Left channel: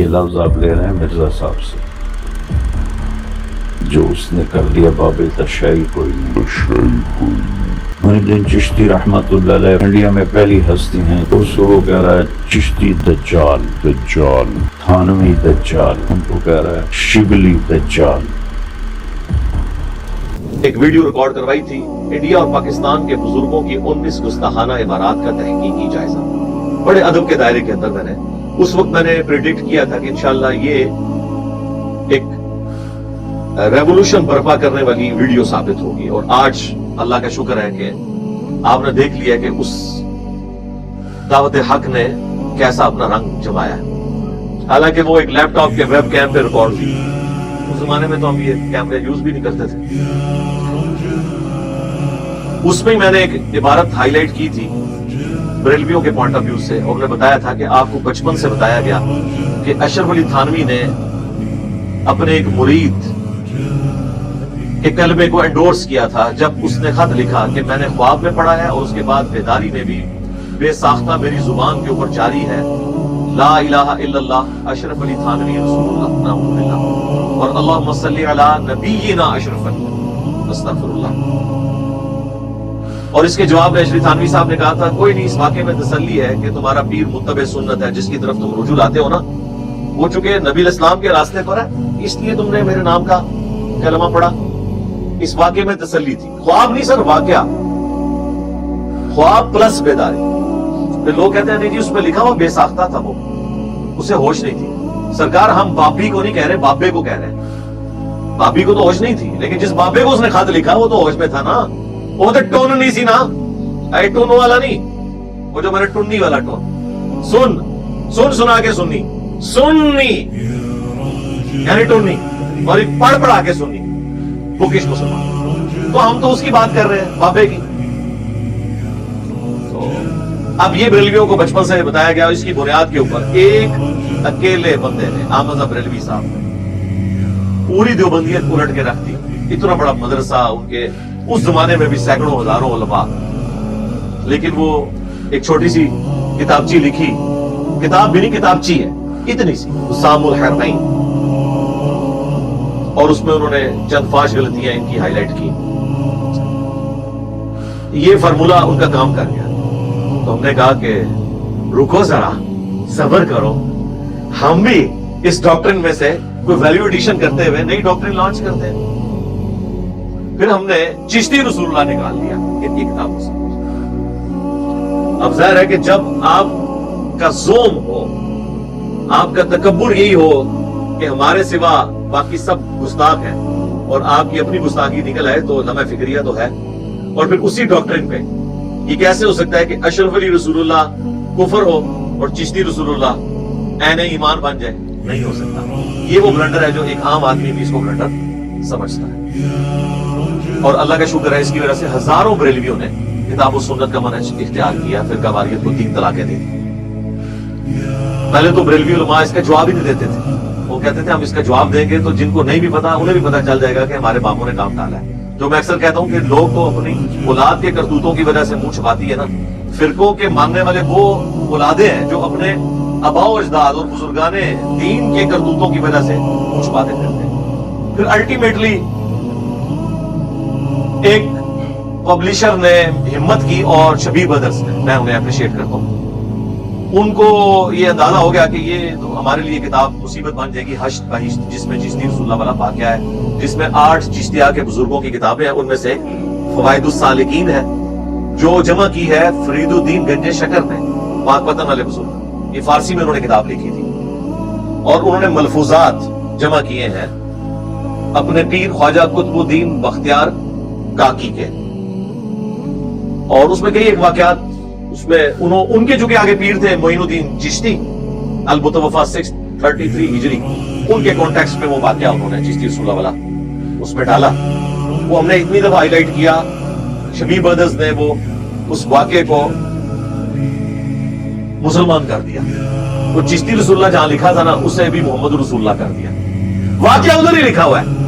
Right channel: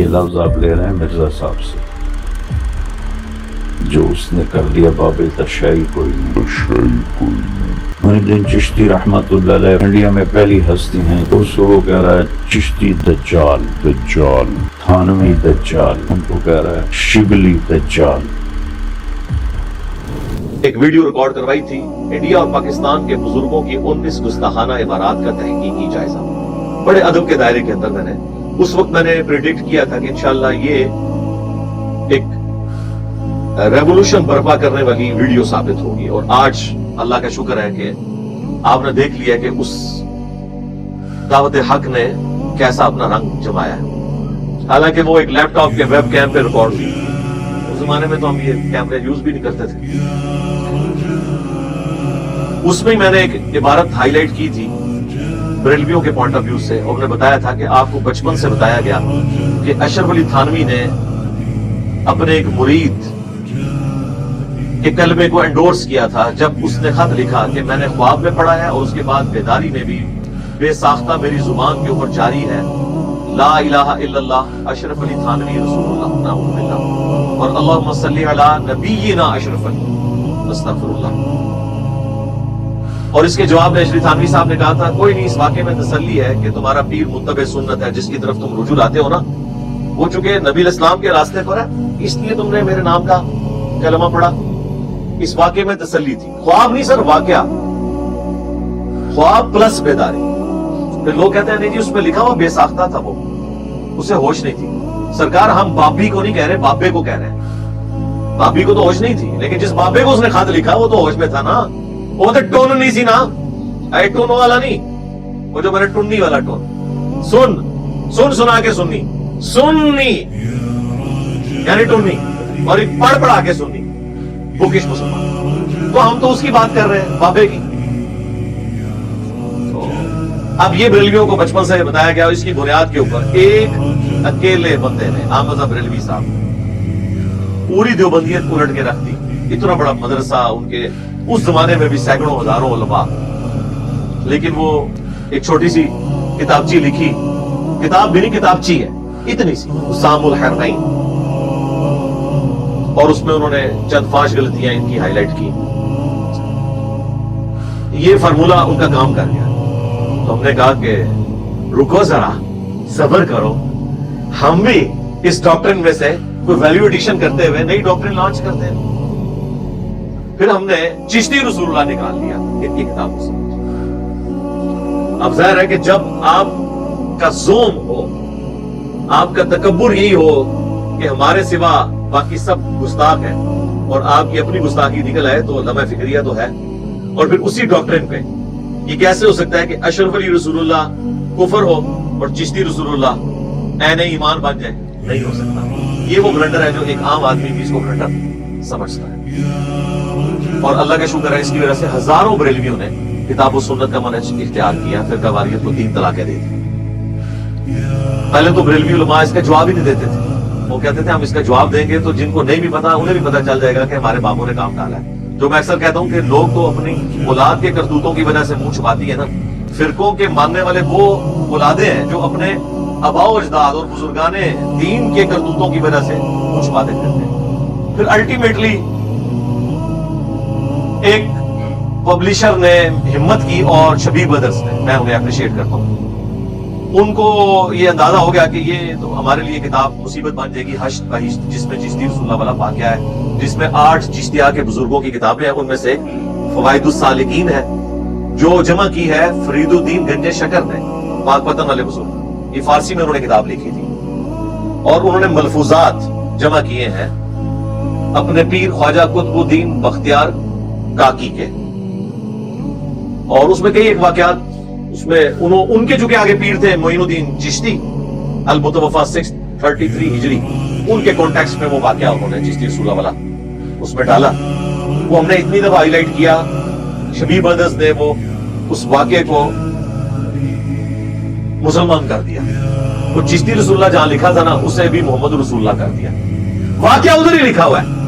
یہ لفظ آپ لے رہے ہیں مرزا صاحب سے، جو اس نے کر لیا باب تشیع کوئی نہیں۔ محی چشتی رحمت اللہ علیہ انڈیا میں پہلی ہستی ہیں، اس کو وہ کہہ رہا ہے چشتی دجال، تھانوی دجال، ان کو کہہ رہا ہے شبلی دجال۔ ایک ویڈیو ریکارڈ کروائی تھی انڈیا اور پاکستان کے بزرگوں کی 19 گستاخانہ عبارات کا تحقیقی جائزہ، بڑے ادب کے دائرے کے اندر۔ اس وقت میں نے پریڈکٹ کیا تھا کہ انشاءاللہ یہ ایک ریولوشن برپا کرنے والی ویڈیو ثابت ہوگی، اور آج اللہ کا شکر ہے کہ آپ نے دیکھ لیا کہ اس دعوت حق نے کیسا اپنا رنگ جمایا ہے۔ حالانکہ وہ ایک لیپ ٹاپ کے ویب کیم پہ ریکارڈ تھی، اس زمانے میں تو ہم یہ کیمرے یوز بھی نہیں کرتے تھے۔ اس میں میں نے ایک عبارت ہائی لائٹ کی تھی بریلویوں کے پوائنٹ آف ویو سے، اور انہیں بتایا تھا کہ آپ کو بچپن سے بتایا گیا کہ اشرف علی تھانوی نے اپنے ایک مرید کے کلمے کو انڈورس کیا تھا جب اس نے خط لکھا کہ میں نے خواب میں پڑھا ہے اور اس کے بعد بیداری میں بھی بے ساختہ میری زبان کے اوپر جاری ہے لا الہ الا اللہ اشرف علی تھانوی رسول اللہ نعوذ باللہ، اور اللہم صلی علی نبینا اشرف علی استغفر اللہ۔ اور اس کے جواب میں اشرف تھانوی صاحب نے کہا تھا کوئی نہیں، اس واقعے میں تسلی ہے کہ تمہارا پیر متبع سنت ہے، جس کی طرف تم رجوع لاتے ہو نا وہ چونکہ نبی الاسلام کے راستے پر ہے، اس لیے تم نے میرے نام کا کلمہ پڑھا۔ اس واقعے میں تسلی تھی، خواب نہیں سر، واقعہ، خواب پلس بیداری۔ پھر لوگ کہتے ہیں نہیں جی اس میں لکھا ہوا بے ساختہ تھا، وہ اسے ہوش نہیں تھی۔ سرکار ہم بابی کو نہیں کہہ رہے، بابے کو کہہ رہے ہیں۔ بابی کو تو ہوش نہیں تھی، لیکن جس بابے کو اس نے خط لکھا وہ تو ہوش میں تھا نا، وہ تو ٹون نہیں سی نا، اے ٹون والا نہیں، وہ جو میرے ٹنی والا ٹون، سن سنا کے سننی، سننی یعنی ٹنی، اور ایک پڑھ پڑھا کے سننی، بکش مسلمان۔ تو ہم تو اس کی بات کر رہے ہیں، بابے کی۔ اب یہ بریلویوں کو بچپن سے بتایا گیا، اس کی بنیاد کے اوپر ایک اکیلے بندے نے، احمد بریلوی صاحب نے پوری دیوبندیت الٹ کے رکھ دی۔ اتنا بڑا مدرسہ، ان کے اس زمانے میں بھی سینکڑوں ہزاروں علماء، لیکن وہ ایک چھوٹی سی کتابچی لکھی، کتاب بھی نہیں کتابچی ہے، اتنی سی، سام الحرمین، اور اس میں انہوں نے چند فاش غلطیاں ان کی ہائی لائٹ کی۔ یہ فارمولہ ان کا کام کر گیا، تو ہم نے کہا کہ رکو ذرا، صبر کرو، ہم بھی اس ڈاکٹرن میں سے کوئی ویلیو ایڈیشن کرتے ہوئے نئی ڈاکٹرن لانچ کرتے ہیں۔ پھر ہم نے چشتی رسول اللہ نکال دیا ان کی کتابوں سے۔ اب ظاہر ہے کہ جب آپ کا زوم ہو، آپ کا تکبر یہی ہو کہ ہمارے سوا باقی سب گستاخ ہیں، اور آپ کی اپنی گستاخی نکل آئے، تو لمحہ فکریہ تو ہے۔ اور پھر اسی ڈاکٹرن پہ یہ کیسے ہو سکتا ہے کہ اشرف علی رسول اللہ کفر ہو اور چشتی رسول اللہ عین ایمان بن جائے؟ نہیں ہو سکتا۔ یہ وہ بلنڈر ہے جو ایک عام آدمی بھی اس کو بلنڈر سمجھتا ہے، اور اللہ کا شکر ہے اس کی وجہ سے ہزاروں بریلویوں نے کتاب و سنت کا منہج اختیار کیا، پھر قواریت کو 3 طلاقیں دے دی۔ پہلے تو بریلوی علماء اس کا جواب ہی نہیں دیتے تھے، وہ کہتے تھے ہم اس کا جواب دیں گے تو جن کو نہیں بھی پتا انہیں بھی پتا چل جائے گا کہ ہمارے باپوں نے کام ڈالا ہے۔ جو میں اکثر کہتا ہوں کہ لوگ تو اپنی اولاد کے کرتوتوں کی وجہ سے منہ چھپاتی ہے نا، فرقوں کے ماننے والے وہ اولادیں ہیں جو اپنے آباء و اجداد اور بزرگان دین کے کرتوتوں کی وجہ سے منہ چھپاتے پھرتے ہیں۔ پھر الٹیمیٹلی ایک پبلشر نے ہمت کی، اور شبیر بدرز نے، میں انہیں اپریشیٹ کرتا ہوں، ان کو یہ اندازہ ہو گیا کہ یہ تو ہمارے لیے کتاب مصیبت بن جائے گی، حشد بہشت، جس میں چشتی رسول اللہ والا واقعہ ہے، جس میں 8 چشتیہ کے بزرگوں کی کتابیں ہیں، ان میں سے فوائد السالکین ہے جو جمع کی ہے فرید الدین گنجے شکر نے، پاک پتن والے بزرگ، یہ فارسی میں انہوں نے کتاب لکھی تھی، اور انہوں نے ملفوظات جمع کیے ہیں اپنے پیر خواجہ قطب الدین بختیار کاکی کے، اور اس میں کئی ایک واقعات، اس میں ان کے جو کہ آگے پیر تھے معین الدین چشتی المتوفا 633 ہجری، ان کے کانٹیکسٹ میں وہ واقعہ انہوں نے چشتی رسول اللہ والا اس میں ڈالا۔ وہ ہم نے اتنی دفعہ ہائی لائٹ کیا، شبیر بدرز نے وہ اس واقعے کو مسلمان کر دیا، وہ چشتی رسول اللہ جہاں لکھا تھا نا اسے بھی محمد رسول اللہ کر دیا، واقعہ ادھر ہی لکھا ہوا ہے۔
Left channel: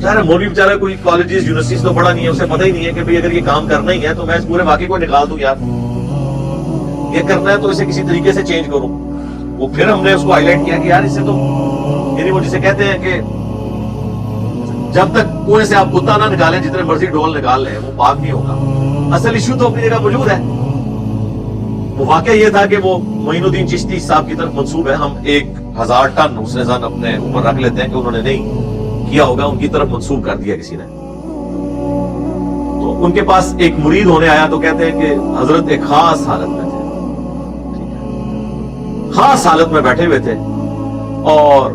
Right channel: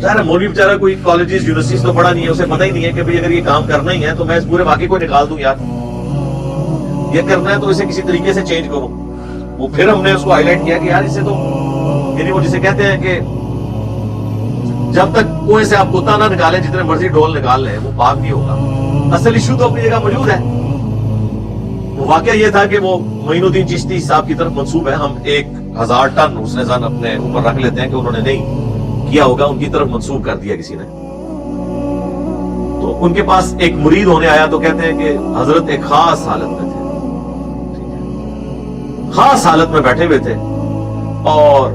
ظاہر مولوی بیچارہ کوئی کالجز یونیورسٹیز تو پڑھا نہیں ہے، اسے پتہ ہی نہیں ہے کہ بھئی اگر یہ کام کرنا ہی ہے تو میں اس پورے واقعے کو نکال دوں، یار یہ کرنا ہے تو اسے کسی طریقے سے چینج کروں۔ وہ پھر ہم نے اس کو ہائی لائٹ کیا کہ یار اسے تو یعنی وہ جسے کہتے ہیں کہ جب تک کنویں سے آپ کتا نہ نکالیں جتنے مرضی ڈول نکال لیں وہ پاک نہیں ہوگا. اصل ایشو تو اپنی جگہ موجود ہے. وہ واقعہ یہ تھا کہ وہ معین الدین چشتی صاحب کی طرف منسوب ہے. ہم 1000 ٹن حسن ظن اپنے اوپر رکھ لیتے ہیں کہ انہوں نے نہیں کیا ہوگا, ان کی طرف منسوب کر دیا کسی نے. تو ان کے پاس ایک مرید ہونے آیا تو کہتے ہیں کہ حضرت ایک خاص حالت میں تھے, خاص حالت میں بیٹھے ہوئے تھے, اور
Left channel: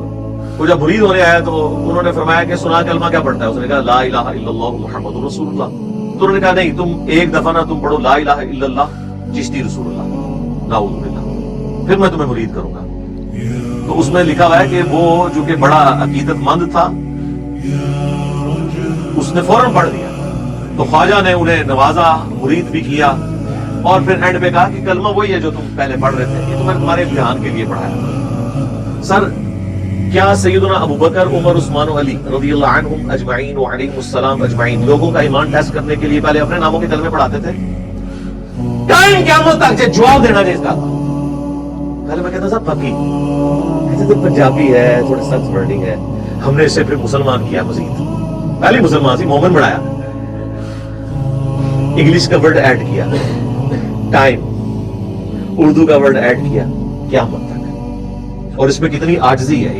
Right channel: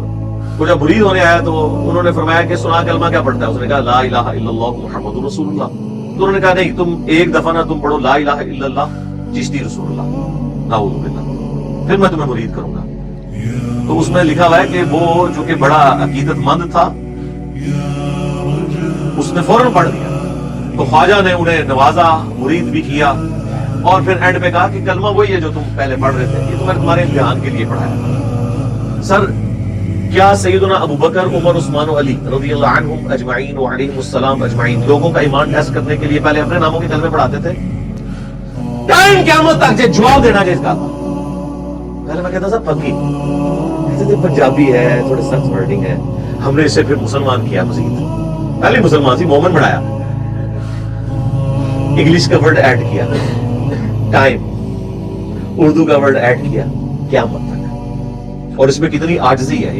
وہ جب مرید ہونے آیا تو انہوں نے فرمایا کہ سنا کلمہ کیا پڑھتا ہے؟ اس نے کہا لا الہ الا اللہ محمد رسول اللہ. تو انہوں نے کہا نہیں, تم ایک دفعہ نہ تم پڑھو لا الہ الا اللہ چشتی رسول اللہ, نعوذ باللہ, پھر میں تمہیں مرید کروں گا. تو اس میں لکھا ہوا ہے کہ وہ جو کہ بڑا عقیدت مند تھا اس نے فوراً پڑھ دیا. تو خواجہ نے انہیں نوازا, مرید بھی کیا, اور پھر اینڈ پہ کہا کہ کلمہ وہی ہے جو تم پہلے پڑھ رہے تھے, یہ تو میں نے تمہارے امتحان کے لیے پڑھایا. سر کیا سیدنا ابو بکر, عمر, عثمان و علی رضی اللہ عنہم اجمعین وعلیہم السلام اجمعین لوگوں کا ایمان ٹیسٹ کرنے کے لیے پہلے اپنے ناموں کے کلمے پڑھاتے تھے؟ ٹائم قیامت تک جواب دینا نہیں اس کا. پہلے میں کہتا تھا پکی, ایسے تو پنجابی ہے, تھوڑے سخت ورڈنگ ہے. ہم نے اسے پھر مسلمان کیا, مزید پہلی مسلمان تھی, مومن بنایا, انگلش کا ورڈ ایڈ کیا, ٹائم, اردو کا ورڈ ایڈ کیا, قیامت تک. اور اس میں کتنی عاجزی ہے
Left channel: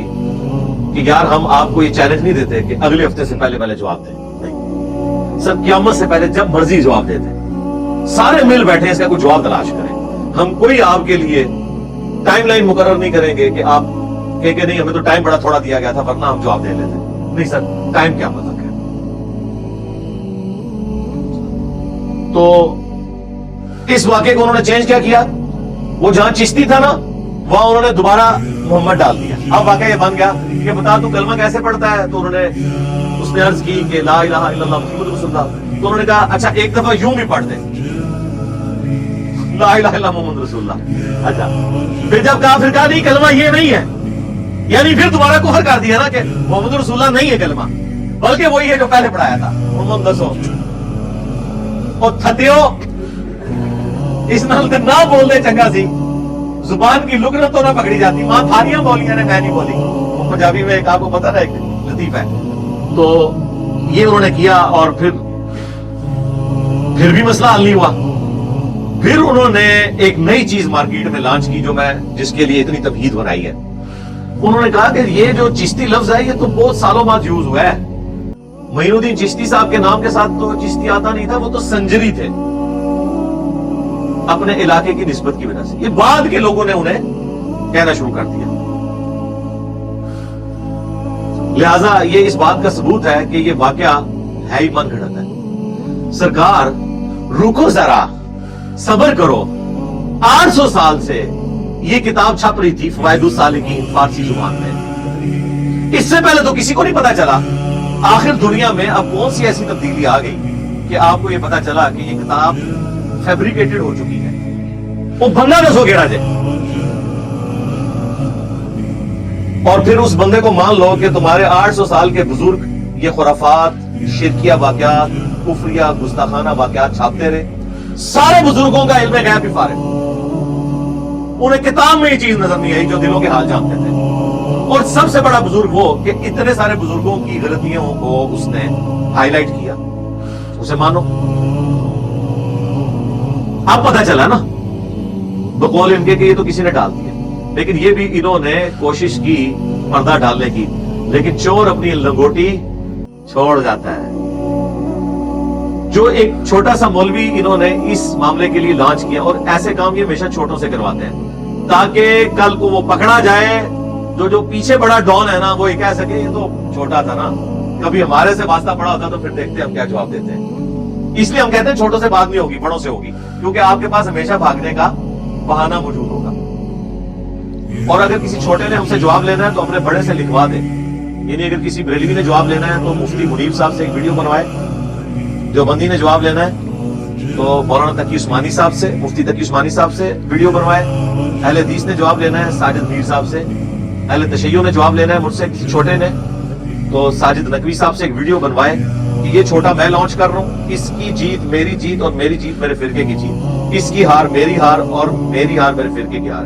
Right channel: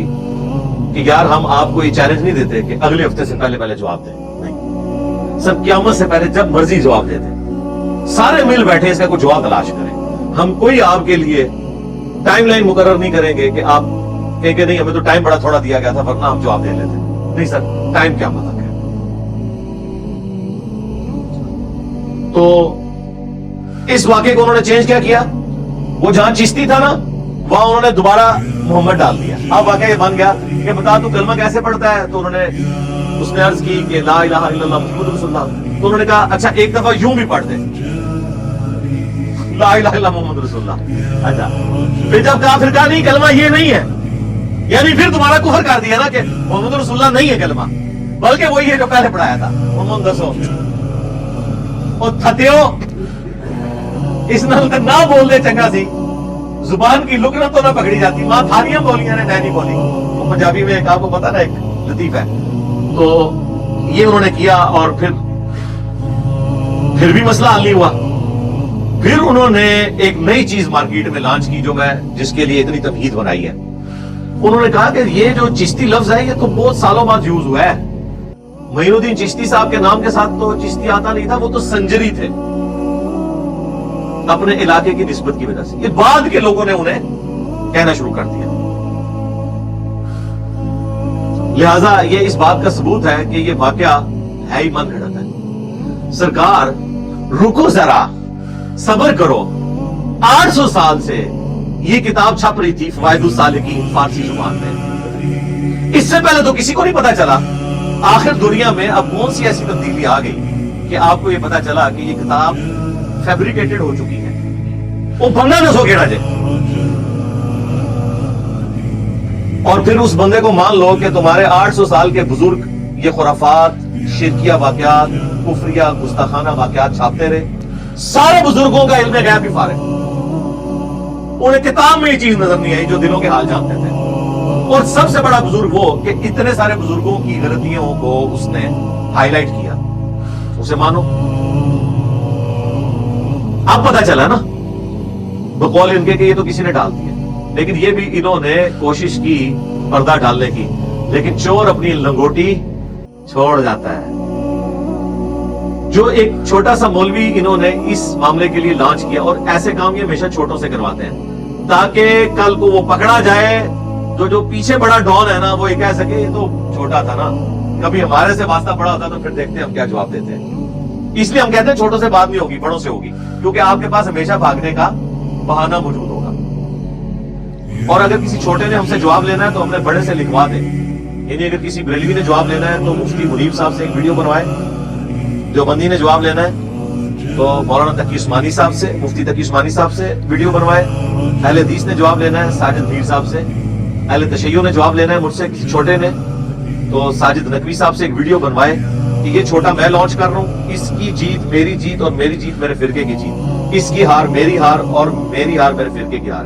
کہ یار ہم آپ کو یہ چیلنج نہیں دیتے کہ اگلے ہفتے سے پہلے جواب دیں, نہیں, سب قیامت سے پہلے جب مرضی جواب دیتے, سارے مل بیٹھے اس کا کوئی جواب تلاش کریں. ہم کوئی آپ کے لیے ٹائم لائن مقرر نہیں کریں گے کہ آپ کہیں کہ نہیں ہمیں تو ٹائم بڑا تھوڑا دیا گیا تھا ورنہ آپ جواب دے لیتے. نہیں سر, ٹائم قیامت تک ہے. تو اس واقعے کو انہوں نے چینج کیا, وہ جہاں چشتی تھا نا وہاں انہوں نے دوبارہ محمد ڈال دیا. اب واقعہ یہ بن گیا کہ بتا تو کلمہ کیسے پڑھتا ہے؟ تو انہوں نے اس نے عرض کی کہ لا الہ الا اللہ محمد رسول اللہ. تو انہوں نے کہا اچھا ایک دفعہ یوں بھی پڑھ دیں, لا الہ الا اللہ محمد رسول اللہ. اچھا پھر جب کہا, پھر کہا نہیں کلمہ یہ نہیں ہے, یعنی پھر تمہارا کفر کر دیا نا کہ محمد رسول اللہ نہیں ہے کلمہ, بلکہ وہی ہے جو پہلے پڑھایا تھا. محمد دسو اور تھتیو اس نال نہ بول دے چنگا سی, زبان کی لکنت تو نہ پکڑی جاتی. ماں تھاریاں بولیاں نے, میں نہیں بولی. وہ پنجابی میں ایک آپ کو پتہ نا ایک لطیف ہے. تو یہ انہوں نے کیا اور پھر بھی مسئلہ حل نہیں ہوا. پھر انہوں نے ایک نئی چیز مارکیٹ میں لانچ کی جو میں جس کے لیے اتنی تمہید بنائی ہے. انہوں نے کہا کہ یہ جو چشتی لفظ ہے یہ تو بہت سالوں بعد یوز ہوا ہے. معین الدین چشتی صاحب کے نام کے ساتھ تو چشتی آتا نہیں تھا, وہ تو سنجری تھے اپنے علاقے کی نسبت کی وجہ سے. یہ بعد کے لوگوں نے انہیں کہنا شروع کر دیا. لہذا یہ اس بات کا ثبوت ہے کہ یہ واقعہ ہے ہی من گھڑت ہے. سرکار رکو ذرا, صبر کرو. 800 سال سے یہ کتاب چھپ رہی تھی فوائد السالکین فارسی زبان میں. اس سے پہلے تو کسی کو نہیں پتا چلا. آخر دنیا میں اب کون سی ایسی تبدیلی آ گئی کہ آپ کو یہ پتا چلا کہ یہ کتاب فیبریکیٹڈ ہو چکی ہے. وہ بندہ نہ سو گیڑا جائے, اور پھر اس بندے کو مان لو کہ تمہارے 800 سال کے بزرگ یہ خرافات, شرکیہ واقعات, کفریہ گستاخانہ واقعات چھاپتے رہے. سارے بزرگوں کا علم غیب بھی فارغ, انہیں کتاب میں یہ چیز نظر نہیں آئی جو دلوں کے حال جانتے تھے. اور سب سے بڑا بزرگ وہ کہ اتنے سارے بزرگوں کی غلطیوں کو اس نے ہائی لائٹ کیا. اسے مانو. اب پتا چلا نا بقول ان کے کہ یہ تو کسی نے ڈال دیا, لیکن یہ بھی انہوں نے کوشش کی پردہ ڈالنے کی, لیکن چور اپنی لنگوٹی چھوڑ جاتا ہے. جو ایک چھوٹا سا مولوی انہوں نے اس معاملے کے لیے لانچ کیا, اور ایسے کام یہ ہمیشہ چھوٹوں سے کرواتے ہیں تاکہ کل کو وہ پکڑا جائے. جو پیچھے بڑا ڈون ہے نا وہ یہ کہہ سکے یہ تو چھوٹا تھا نا, کبھی ہمارے سے واسطہ بڑا ہوتا تو پھر دیکھتے ہم کیا جواب دیتے ہیں. اس لیے ہم کہتے ہیں چھوٹوں سے بات نہیں ہوگی, بڑوں سے ہوگی, کیونکہ آپ کے پاس ہمیشہ بھاگنے کا بہانہ موجود ہوگا. اور اگر کسی چھوٹے نے ہم سے جواب لینا ہے تو ہم نے بڑے سے لکھوا دیں. یعنی اگر کسی بریلوی نے جواب لینا ہے تو مفتی منیب صاحب سے ایک ویڈیو بنوائے. دیوبندی نے جواب لینا ہے تو مولانا تقی عثمانی صاحب سے, مفتی تقی عثمانی صاحب سے ویڈیو بنوائے. اہل حدیث نے جواب لینا ہے ساجد میر صاحب سے. اہل تشیع نے جواب لینا ہے مجھ سے کسی چھوٹے نے تو ساجد نقوی صاحب سے ایک ویڈیو بنوائے کہ یہ چھوٹا میں لانچ کر رہا ہوں, اس کی جیت میری جیت اور میری جیت میرے فرقے کی جیت, اس کی ہار میری ہار اور میری ہار میرے فرقے کی ہار.